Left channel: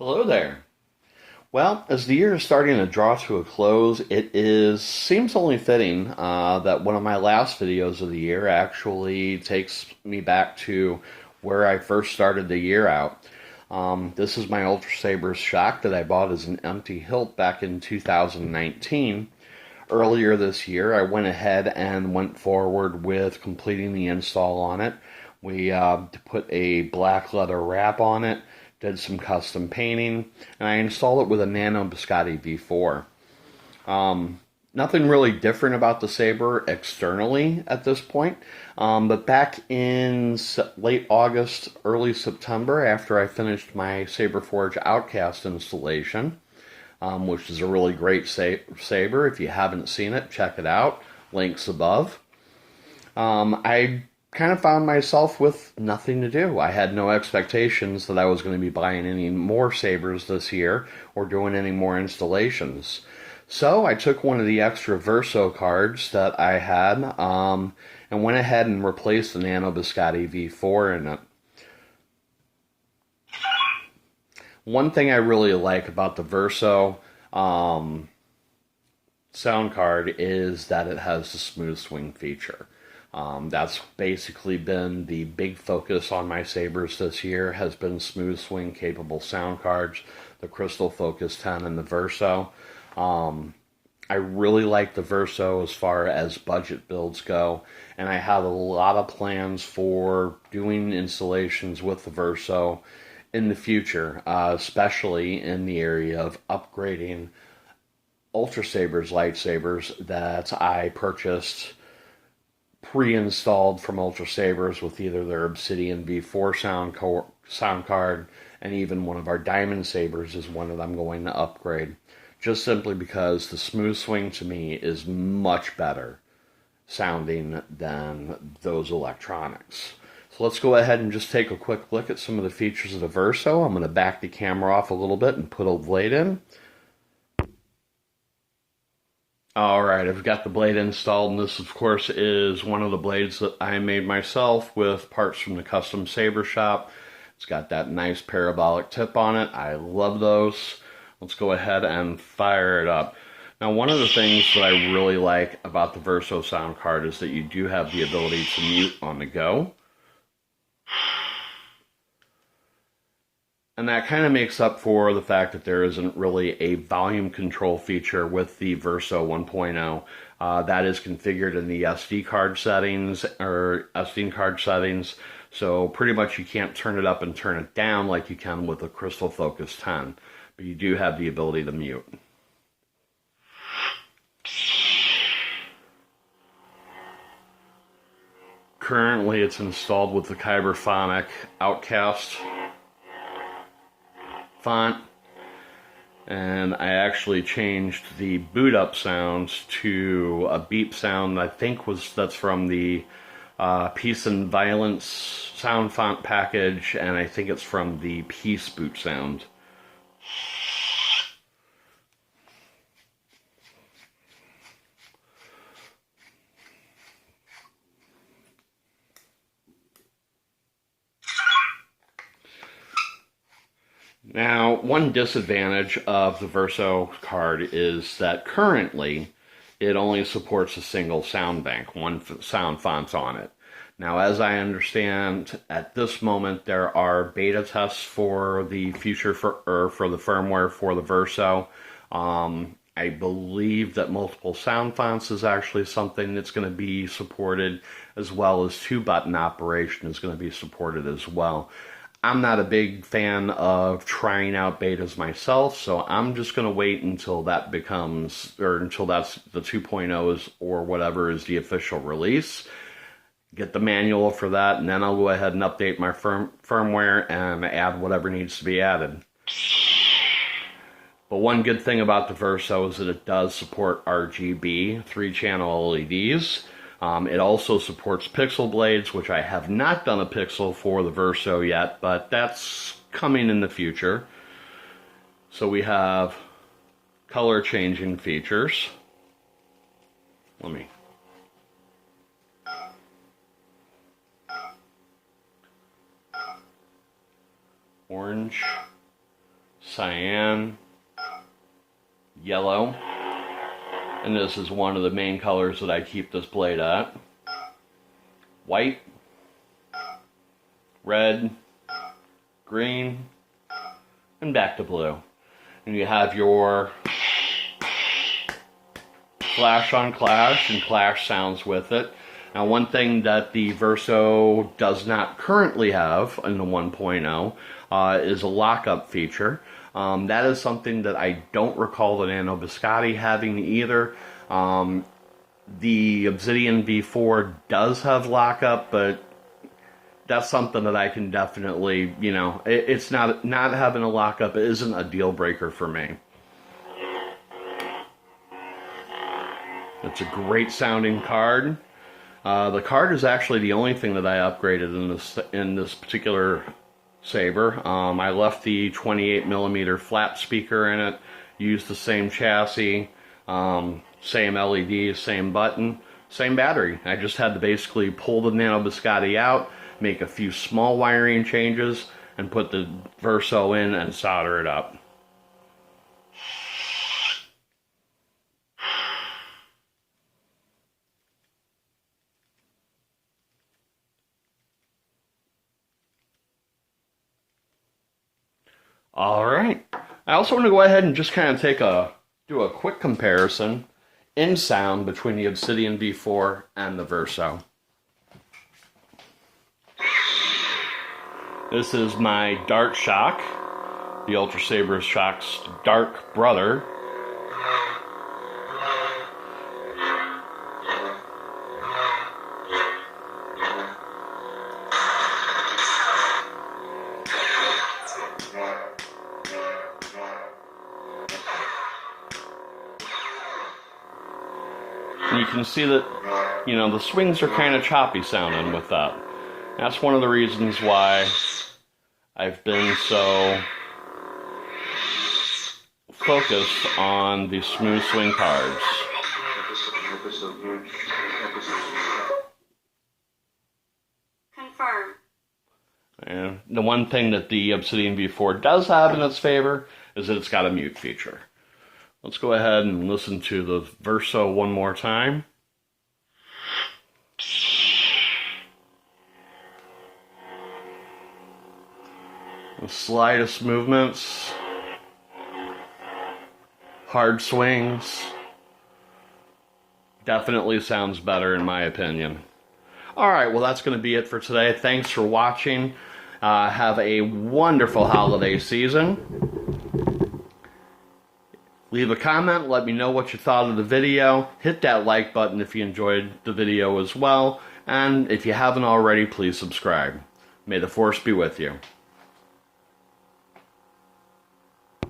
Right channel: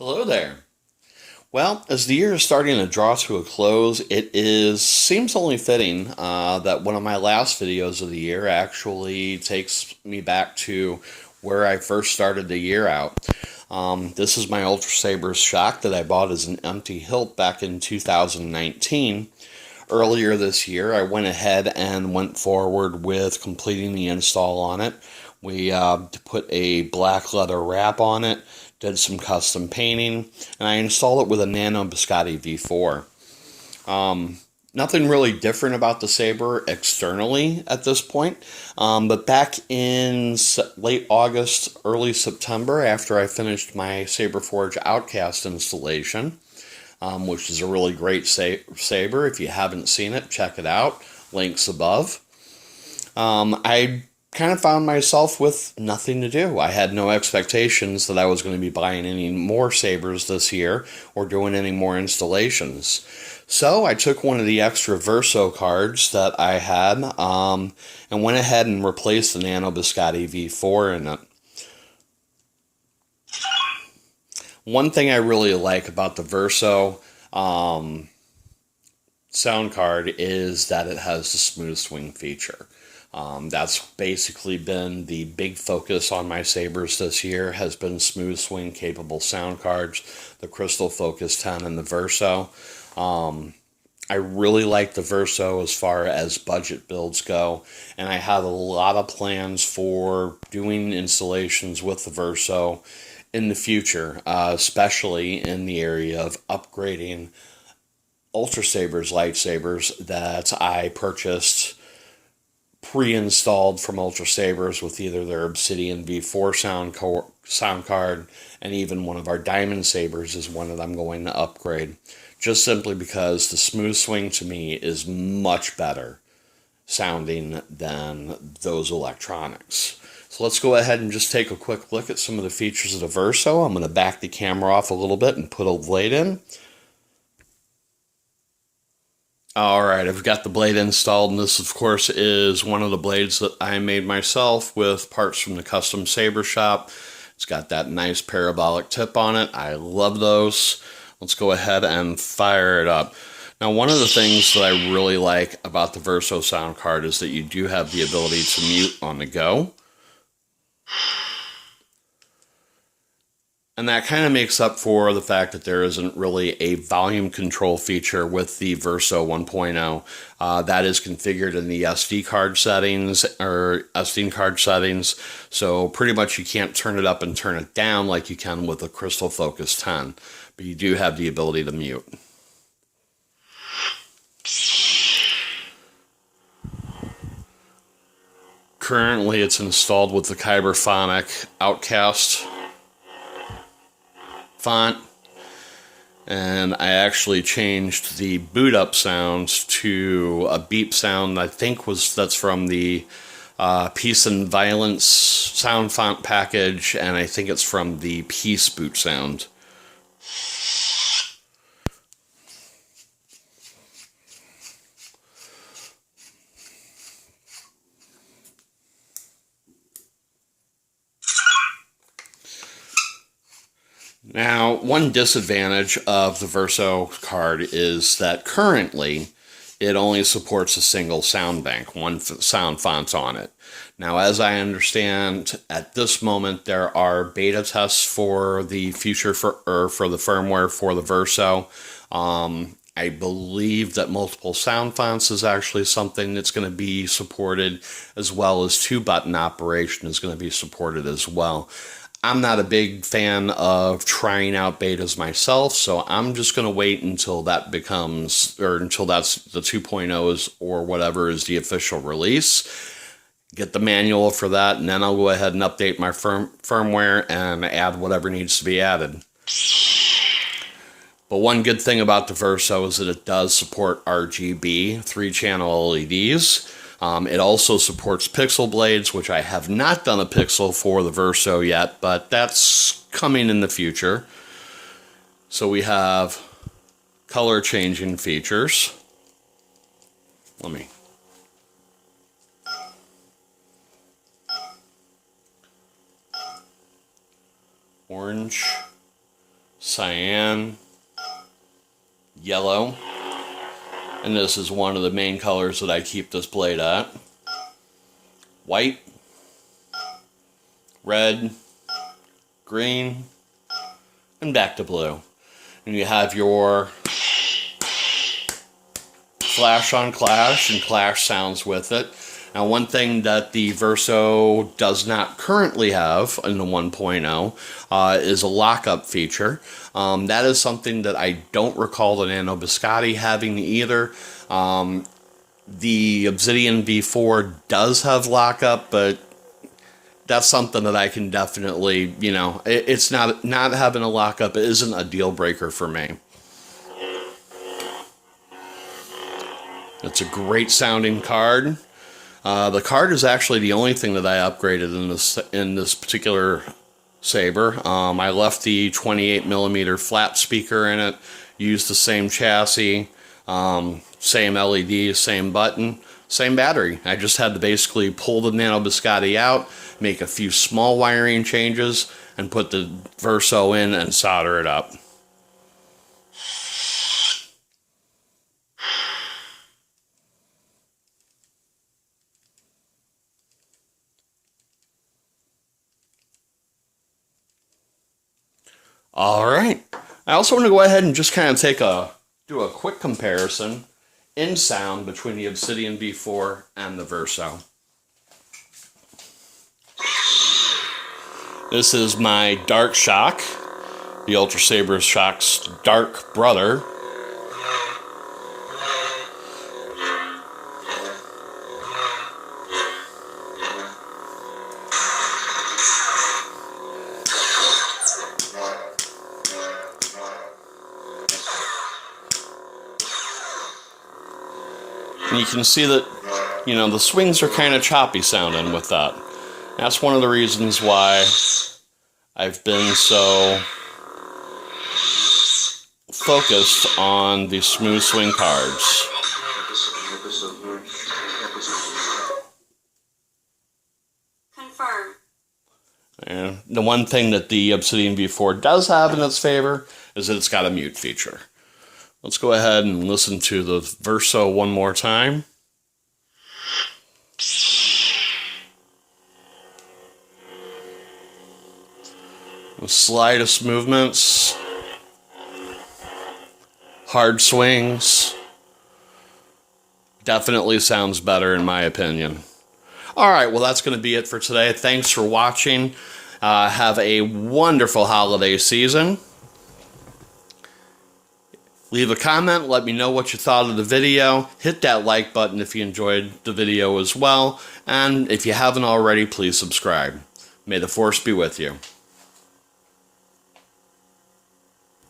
Hello there. Well, as the year is starting to draw to a close, seems only fitting that one of my last videos of the year actually takes me back to where I first started the year out. This is my Ultrasabers shock that I bought as an empty hilt back in 2019. Earlier this year, I went ahead and went forward with completing the install on it. We put a black leather wrap on it, did some custom painting, and I installed it with a Nano Biscotti V4. Nothing really different about the Saber externally at this point, but back in late August, early September, after I finished my Saberforge Outcast installation, which is a really great saber. If you haven't seen it, check it out. Links above. I kind of found myself with nothing to do. I had no expectations that I was going to be buying any more sabers this year or doing any more installations. So I took one of the extra Verso cards that I had and went ahead and replaced the Nano Biscotti V4 in it. One thing I really like about the Verso sound card is that it has the smooth swing feature. That's basically been the big focus on my sabers this year, has been smooth swing capable sound cards, the Crystal Focus 10 and the Verso. I really like the Verso as far as budget builds go, and I have a lot of plans for doing installations with the Verso in the future, especially in the area of upgrading Ultrasabers lightsabers that I purchased pre-installed from Ultrasabers with either their Obsidian V4 sound card, and even one of our Diamond Sabers is one that I'm going to upgrade, just simply because the smooth swing to me is much better sounding than those electronics. So let's go ahead and just take a quick look at some of the features of the Verso. I'm going to back the camera off a little bit and put a blade in. Alright, I've got the blade installed, and this of course is one of the blades that I made myself with parts from the custom saber shop. It's got that nice parabolic tip on it. I love those. Let's go ahead and fire it up. Now, one of the things that I really like about the Verso sound card is that you do have the ability to mute on the go. And that kind of makes up for the fact that there isn't really a volume control feature with the Verso 1.0. That is configured in the SD card settings, so pretty much you can't turn it up and turn it down like you can with the Crystal Focus 10, but you do have the ability to mute. Currently it's installed with the Saberforge Outcast font, and I actually changed the boot up sounds to a beep sound. I think that's from the Peace and Violence sound font package, and I think it's from the Peace boot sound. Now, one disadvantage of the Verso card is that currently it only supports a single sound bank, one sound font on it. Now, as I understand, at this moment there are beta tests for the future for the firmware for the Verso. I believe that multiple sound fonts is actually something that's going to be supported, as well as 2-button operation is going to be supported as well. I'm not a big fan of trying out betas myself, so I'm just going to wait until that becomes, or until that's the 2.0s or whatever is the official release. Get the manual for that, and then I'll go ahead and update my firmware and add whatever needs to be added. But one good thing about the Verso is that it does support RGB 3-channel LEDs. It also supports pixel blades, which I have not done a pixel for the Verso yet, but that's coming in the future. So we have color changing features. Orange, cyan, yellow, and this is one of the main colors that I keep this blade at, white, red, green, and back to blue. And you have your flash on clash and clash sounds with it. Now, one thing that the Verso does not currently have in the 1.0 is a lockup feature. That is something that I don't recall the Nano Biscotti having either. The Obsidian V4 does have lockup, but that's something that I can definitely, you know, it's not having a lockup. It isn't a deal breaker for me. It's a great sounding card. The card is actually the only thing that I upgraded in this particular saber. I left the 28mm flat speaker in it, used the same chassis, same LED, same button, same battery. I just had to basically pull the Nano Biscotti out, make a few small wiring changes, and put the Verso in and solder it up. All right. I also want to go ahead and just kind of do a quick comparison in sound between the Obsidian V4 and the Verso. This is my Dark Shock, the Ultrasabers Shock's dark brother. And you can see that, you know, the swings are kind of choppy sounding with that. That's one of the reasons why I've been so focused on the smooth swing cards. Confirm. And the one thing that the Obsidian V4 does have in its favor is that it's got a mute feature. Let's go ahead and listen to the Verso one more time. The slightest movements, hard swings, definitely sounds better in my opinion. All right, well, that's going to be it for today. Thanks for watching. Have a wonderful holiday season. Leave a comment, let me know what you thought of the video. Hit that like button if you enjoyed the video as well. And if you haven't already, please subscribe. May the Force be with you.